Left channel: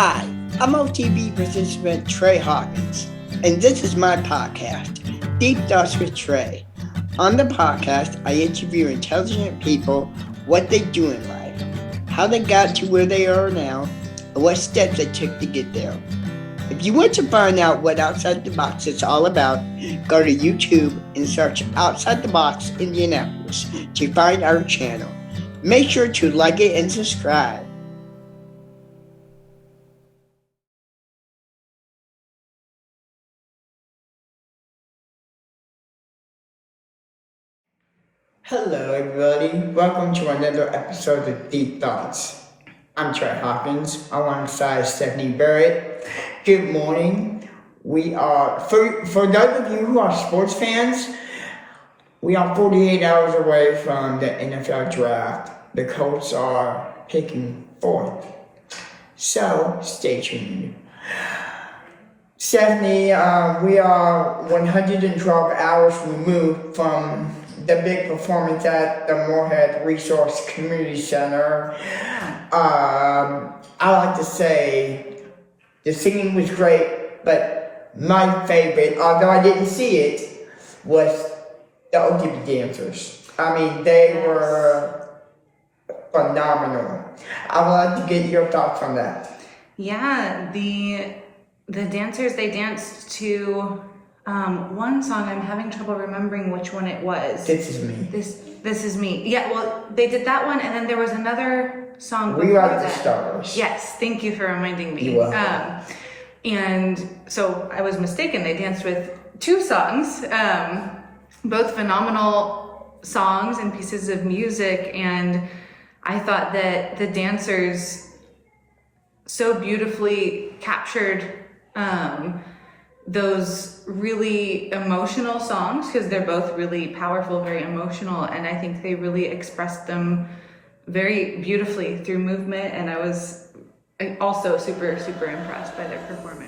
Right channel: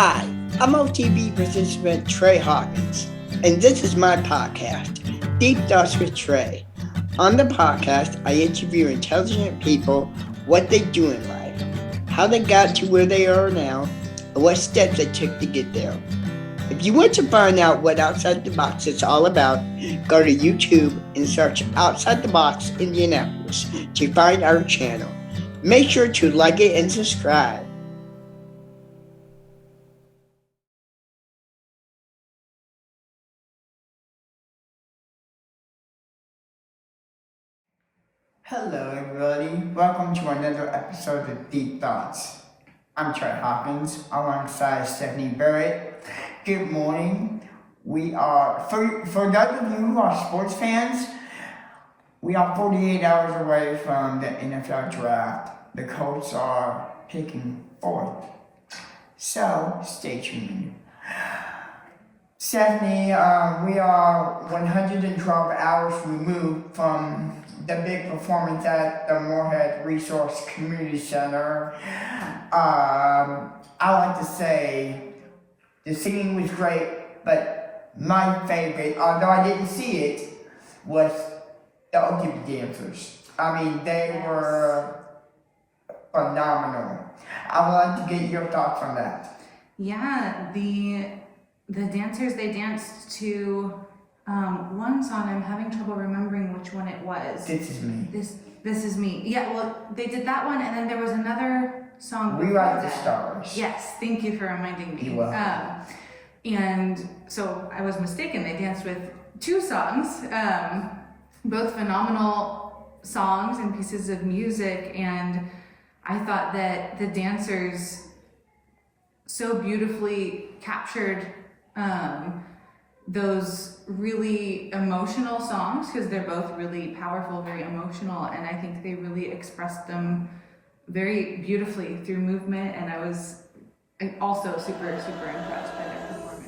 Hi, I'm OTB participant Trey Hawkins, and this is my podcast, Deep Thoughts with Trey. On the podcast, I interview intelligent people, what they do in life, how they got to where they are now, and what steps they took to get there. If you want to find out what Outside the Box is all about, go to YouTube and search Outside the Box Indianapolis to find our channel. Make sure to like it and subscribe. Hello everybody, welcome to another episode of Deep Thoughts. I'm Trey Hawkins alongside Stephanie Barrett. Good morning. We are, for those of you who are sports fans, we are 48 hours away from the NFL draft. The Colts are picking fourth. So stay tuned. Stephanie, we are 112 hours removed from the big performance at the Moorhead Resource Community Center. I like to say the singing was great, but my favorite, although I didn't see it, was the OTB dancers. I mean, they were phenomenal. I would like to get your thoughts on that. Yeah, the dancers, they danced to one song. I'm having trouble remembering which one it was. This Is Me. This Is Me. Yeah, well, they did that one, and then there was another song. We Are the Stars. Yes, thank you for reminding me. You're welcome. And so I was mistaken. They danced with two songs, both phenomenal songs and pieces of music, and I thought that the dancers so beautifully captured those really emotional songs, because they're both really powerful, very emotional, and I think they really expressed them very beautifully through movement, and I was also super impressed by their performance.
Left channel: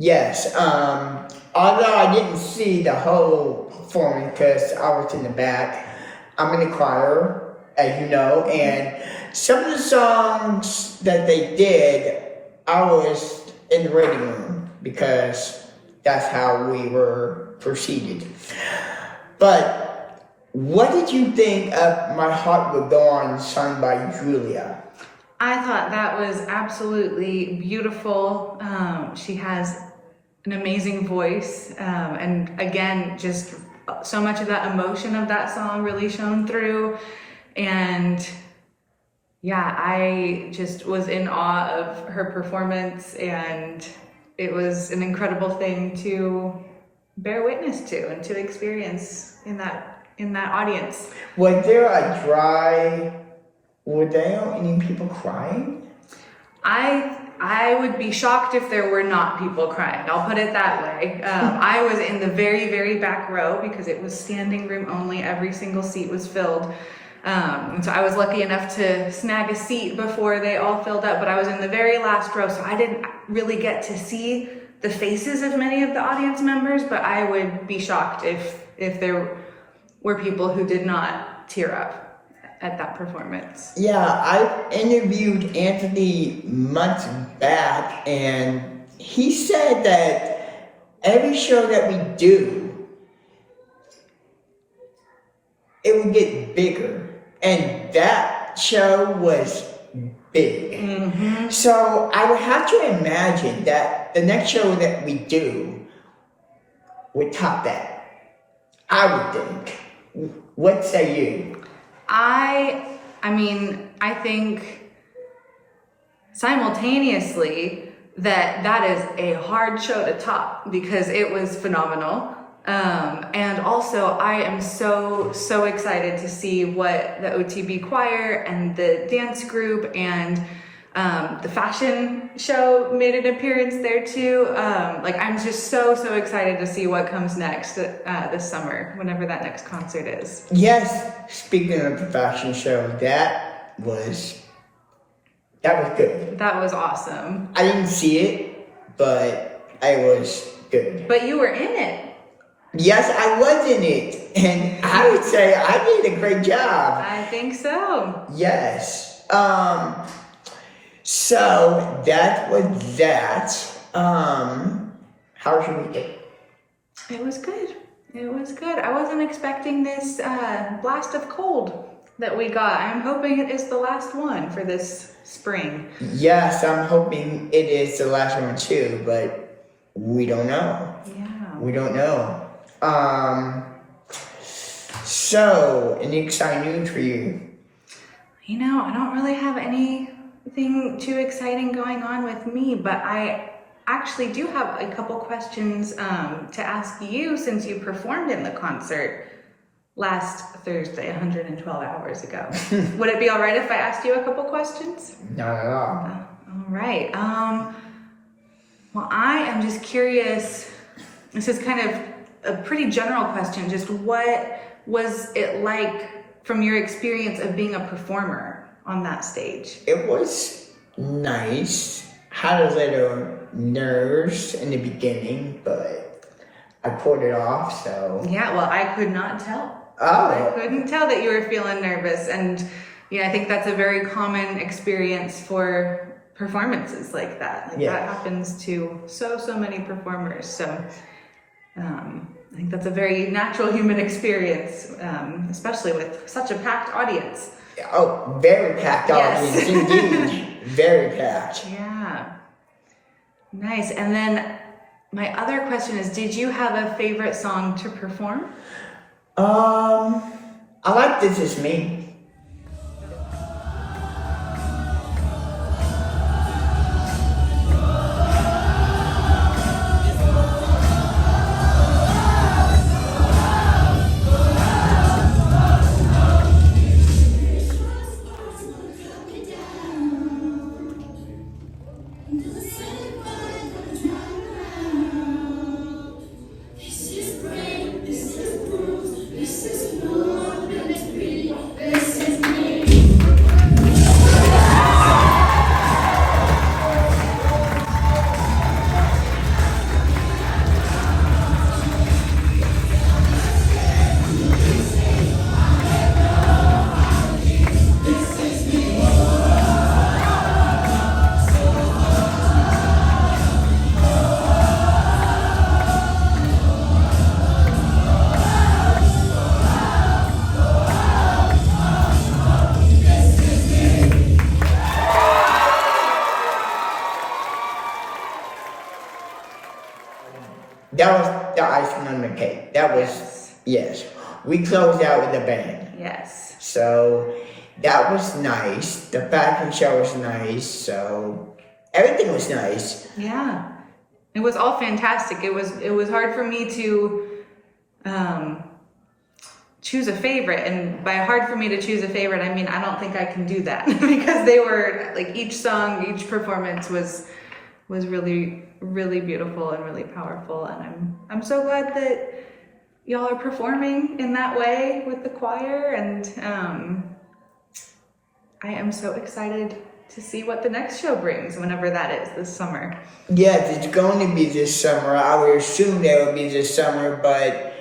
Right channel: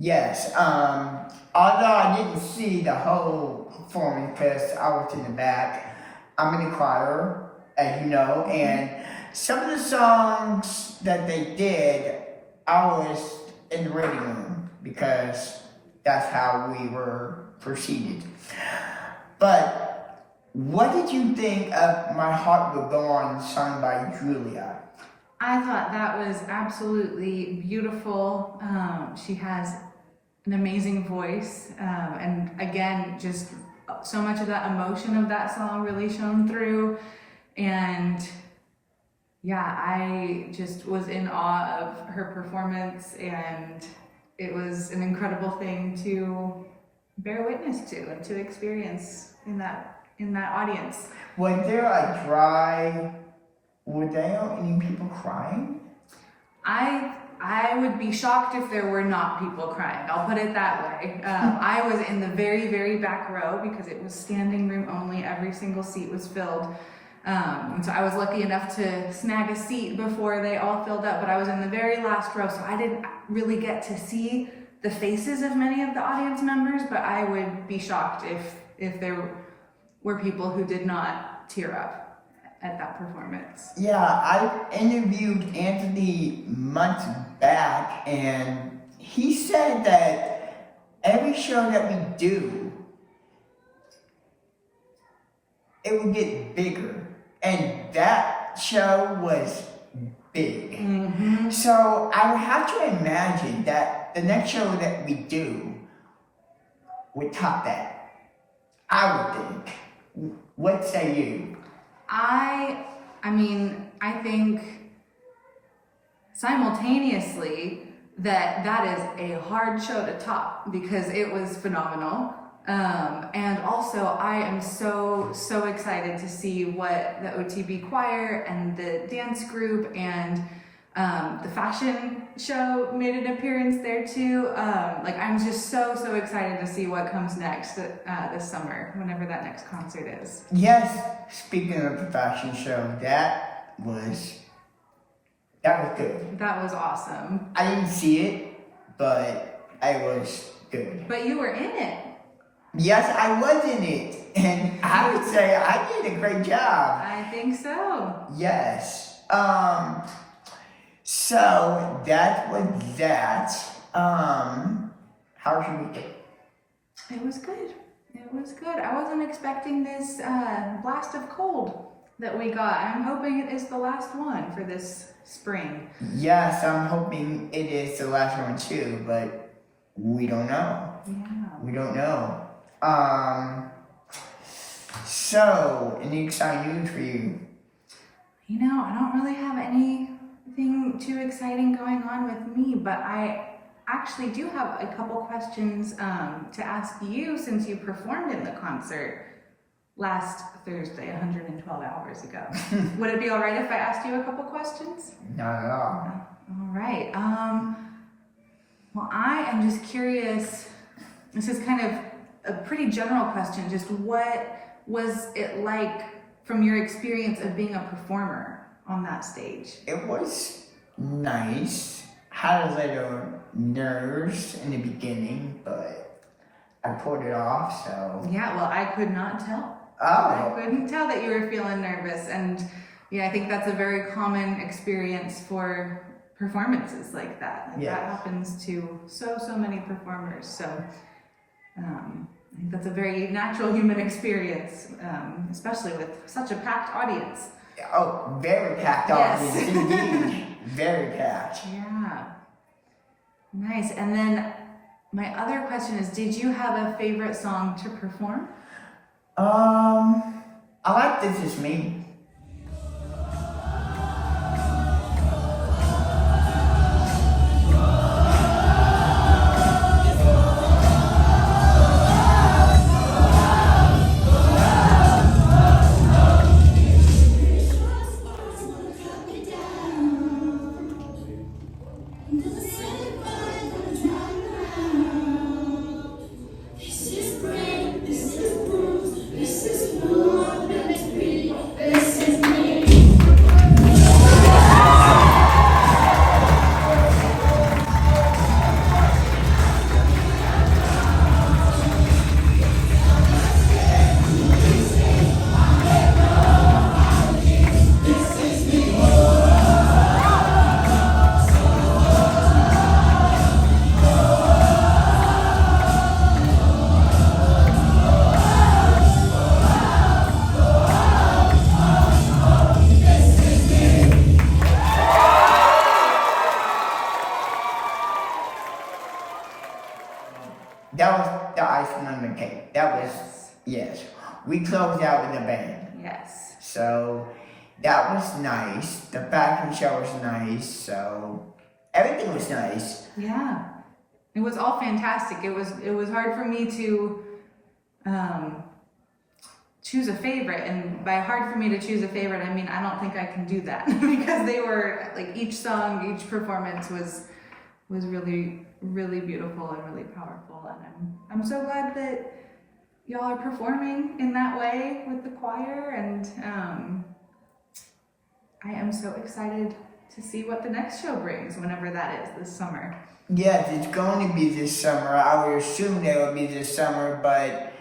Yes, although I didn't see the whole performance because I was in the back. I'm in the choir, as you know, and some of the songs that they did, I was in the reading room because that's how we were proceeded. But what did you think of My Heart Will Go On, sung by Julia? I thought that was absolutely beautiful. She has an amazing voice, and again, just so much of that emotion of that song really shone through. And yeah, I just was in awe of her performance, and it was an incredible thing to bear witness to and to experience in that audience. Were there any people crying? I would be shocked if there were not people crying. I'll put it that way. I was in the very back row because it was standing room only. Every single seat was filled. And so I was lucky enough to snag a seat before they all filled up, but I was in the very last row, so I didn't really get to see the faces of many of the audience members, but I would be shocked if there were people who did not tear up at that performance. Yeah, I interviewed Anthony months back, and he said that every show that we do, it would get bigger, and that show was big. Mm-hmm. So I would have to imagine that the next show that we do would top that. I would think. What say you? I mean, I think simultaneously that is a hard show to top because it was phenomenal. And also I am so excited to see what the OTB choir and the dance group and the fashion show made an appearance there too. Like I'm just so excited to see what comes next this summer, whenever that next concert is. Yes, speaking of the fashion show, that was good. That was awesome. I didn't see it, but it was good. But you were in it. Yes, I was in it, and I would say I did a great job. I think so. Yes. So that was that. How was your weekend? It was good. It was good. I wasn't expecting this blast of cold that we got. I'm hoping it is the last one for this spring. Yes, I'm hoping it is the last one too, but we don't know. Yeah. We don't know. So, any exciting news for you? You know, I don't really have anything too exciting going on with me, but I actually do have a couple questions to ask you since you performed in the concert last Thursday, 112 hours ago. Would it be all right if I asked you a couple questions? Not at all. All right. Well, I am just curious. This is kind of a pretty general question. Just what was it like from your experience of being a performer on that stage? It was nice. Had a little nerves in the beginning, but I pulled it off, so. Yeah, well, I could not tell. Oh. I couldn't tell that you were feeling nervous. And yeah, I think that's a very common experience for performances like that. Like Yeah. that happens to so many performers. So I think that's a very natural human experience, especially with such a packed audience. Oh, very packed audience, Yes. indeed. Very packed. Yeah. Nice. And then my other question is, did you have a favorite song to perform? I like This Is Me. That was the icing on the cake. That was, yes. We closed out with a bang. Yes. So that was nice. The fashion show was nice. So everything was nice. Yeah. It was all fantastic. It was hard for me to choose a favorite, and by hard for me to choose a favorite, I mean I don't think I can do that because they were like each song, each performance was really beautiful and really powerful, and I'm so glad that y'all are performing in that way with the choir, and I am so excited to see what the next show brings, whenever that is this summer. Yes, it's going to be this summer. I would assume that it will be this summer, but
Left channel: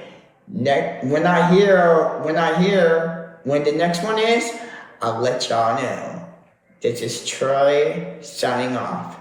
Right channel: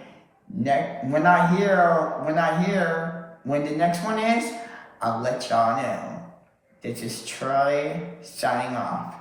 when I hear when the next one is, I'll let y'all know. This is Troy signing off.